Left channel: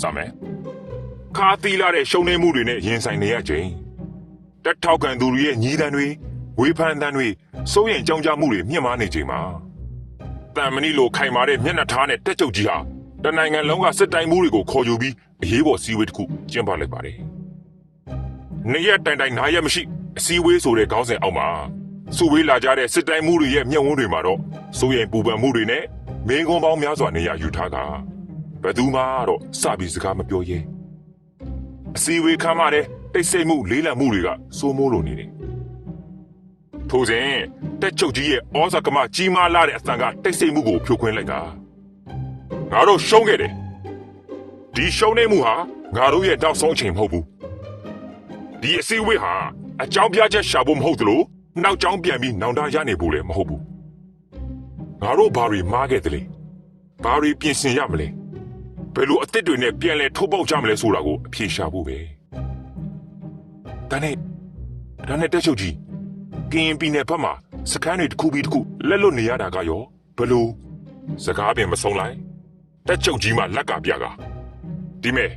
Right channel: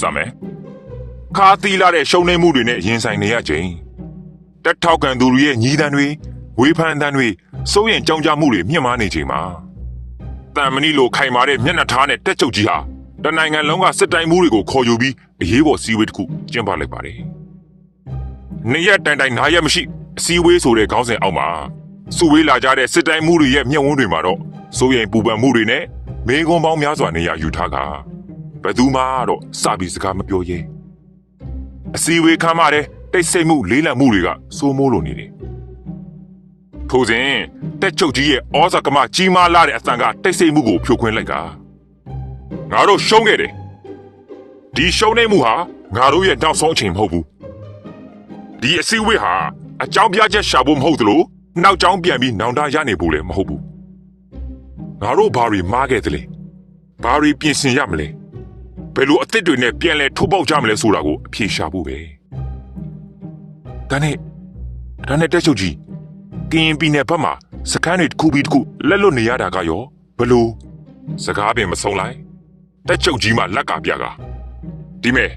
စမယ်ခါသီလာတဲ့ရှုံနေမှုတွေနဲ့ရင်ဆိုင်နေရချိန်တက်ထောက်ကန်သူတွေရဲ့ညီးတန်းတွေဝေဖန်တန်းတွေစိုးရင်ကြောင်ကြမှုတွေမြင့်မားနေချိန်မှာတန်မဏိလိုခိုင်မာတဲ့မျက်နှာထားနဲ့တက်ချုပ်ကြီးဟာတနိုင်ငံလုံးကစစ်တိုင်းမှုတွေကိုခေါ်ယူပြီးအရေးပေါ်စီးဝေးတစ်ခုကျင်းပလိုက်ပါတယ်နေရက်တိုင်တိုင်နားရက်မရှိအစည်းအဝေးဆိုတဲ့ခေါင်းစဉ်အောက်မှာစုဝေးလာကြတဲ့စစ်တိုင်းမှုတွေရဲ့မျက်ဝန်းတွေမှာတော့စိုးရင်ပူပန်မှုတွေနဲ့မေကွန်ပေါင်းများစွာနေရာယူထားက ဘယ်သူမှတော့စပြီးစကားမပြောရဲအစည်းအဝေးခမ်းမတဲ့တိတ်ဆိတ်မှုလေးလံမှုတွေကစိုးမိုးလိုနေတယ်ထို့စဉ်တက်ချုပ်ကြီးရဲ့ဩဇာကမကြီးမားလာတဲ့အသံကတိတ်ဆိတ်မှုကိုဖြိုခွင်းလိုက်ကငါတို့ရှုံးခဲ့တယ်ဒီရှုံးနေမှုဟာငါတို့ရဲ့နောက်ဆုံးအချိန်မဟုတ်ဘူးဒီအစည်းအဝေးဟာအကြောင်းပြချက်ရှာဖို့မဟုတ်သလိုနောက်ကြောင်းပြန်ပြီးနောင်တရနေဖို့လည်းမဟုတ်ဘူးငါတို့ဘာတွေမှားခဲ့သလဲဘာတွေပြင်ဆင်ရမလဲ ဘယ်လိုအသစ်တွေနဲ့ပြန်လဲထိုးပေါက်ကြမလဲဆိုတာကိုအဖြေရှာဖို့ပဲဒါနဲ့ဒါနဲ့တက်ချုပ်ကြီးကင်းပီနယ်ဘက်မှာစကန်တွေတစ်ခုပြီးတစ်ခုလက်လွတ်နေရတာကရောဘယ်လိုစကားပင်မဆုံးလိုက်တက်ချုပ်ကြီးမှလက်ကပြကဒီမဲ့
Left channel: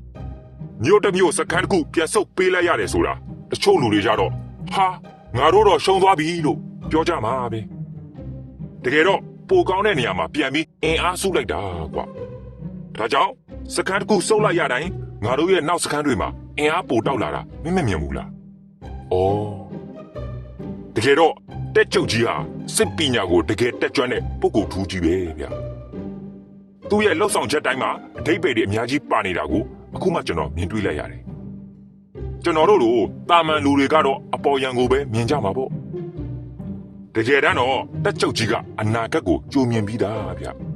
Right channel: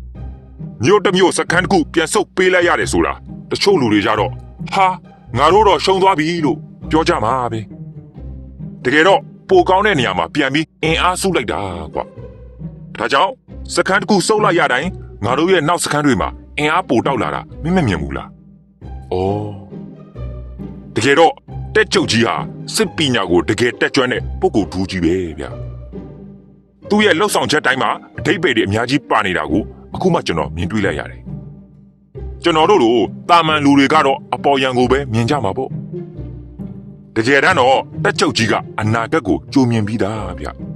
မြို့တစ်မြို့စကန်တစ်ခုပြန်ဆုတ်ပေးလိုက်ရတယ်ဆိုတာတချို့လူတွေကြတော့ဟာငါတို့တော့ရှုံးသွားပြီလို့ပြောကြမှာပဲတကယ်တော့ပိုကောင်းတဲ့နေရာမှာပြန်ပြီးအင်အားစုလိုက်တာကွာဒါကြောင့် စကန်တစ်ခုစုပ်လိုက်ရတိုင်းငါတို့ရဲ့နောက်စကန်တွေမှာအင်အားပိုတောက်လာတာမင်းမမြင်ဘူးလားအော်တကယ်တော့တက်ချုပ်ကြီးဟာစစ်ပညာကိုတကယ်တက်ကြွတဲ့ပုဂ္ဂိုလ်ထူးကြီးပဲဗျသူ့ရဲ့လှုပ်ဆောင်ချက်တိုင်းမှာအတိတ်ပေတွေအများကြီးပါနေတာကိုအခုမှကျွန်တော်မြင်တွေ့လိုက်ရတယ်။ကျွန်တော်တို့လိုတာမန်လူတွေကတော့အပေါ်ယံကိုပဲမြင်ကြမှာပေါ့။တကယ်တမ်းတော့တက်ချုပ်ကြီးကအနာဂတ်ကိုကြိုမြင်ပြီးသားဗျ။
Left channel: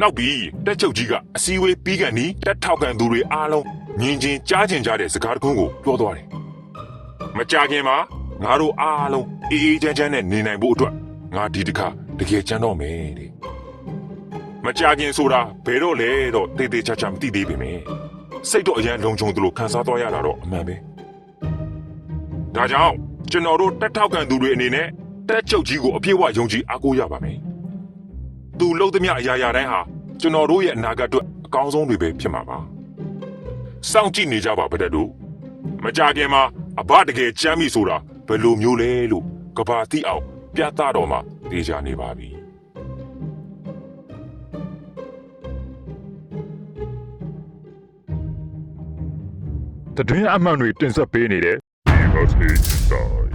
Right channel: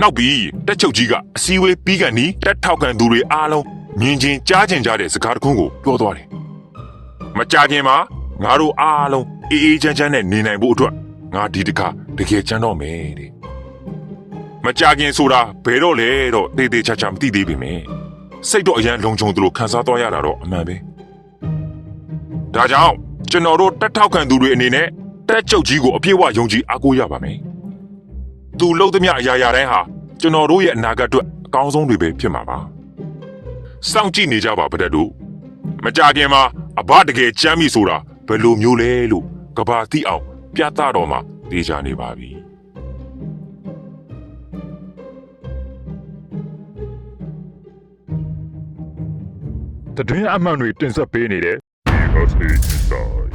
နောက်ပြီးတက်ချုပ်ကြီးကအစည်းအဝေးပြီးကန်ဒီတက်ထောက်ကန်သူတွေအားလုံးမြင်ချင်းကြားချင်းကြားတဲ့စကားတခုကိုပြောသွားတယ်။မကြခင်မှာငါတို့အားလုံးအေးအေးချမ်းချမ်းနဲ့နေနိုင်ဖို့အတွက်ငါဒီတခါတကယ်ချမ်းတော့မယ်တဲ့။မကြခင်ဆိုတာဘယ်တော့လဲတော့တေးသေးချာချာမသိသေးပေမယ့်စိတ်တော့အရန်လုံခြုံသလိုခံစားသွားရတာတော့အမှန်ပဲဒါကြောင့်ကျွန်တော်တို့တက်ထောက်ခံသူတွေအနေနဲ့တက်ချုပ်ကြီးကိုအပြည့်အဝယုံကြည်အားကိုးရပါမယ် သူလှုပ်သမျှအရာရာတိုင်းဟာကျွန်တော်တို့ရဲ့အနာဂတ်အတွက်အကောင်းဆုံးတွေပဲဖြစ်မှာပါစောင့်ကြည့်နေကြပါဗတဲ့တို့မကြခင်မှာအဘတကယ်ကြမ်းပြီဆိုတာဘယ်လိုမျိုးလဲလို့ကဘာတိအောင်ပြသတော်မှာသိကြနေပါပြီတတွင်းအမှန်တွေတင်ဆက်ပေးနေတဲ့ BSA Inside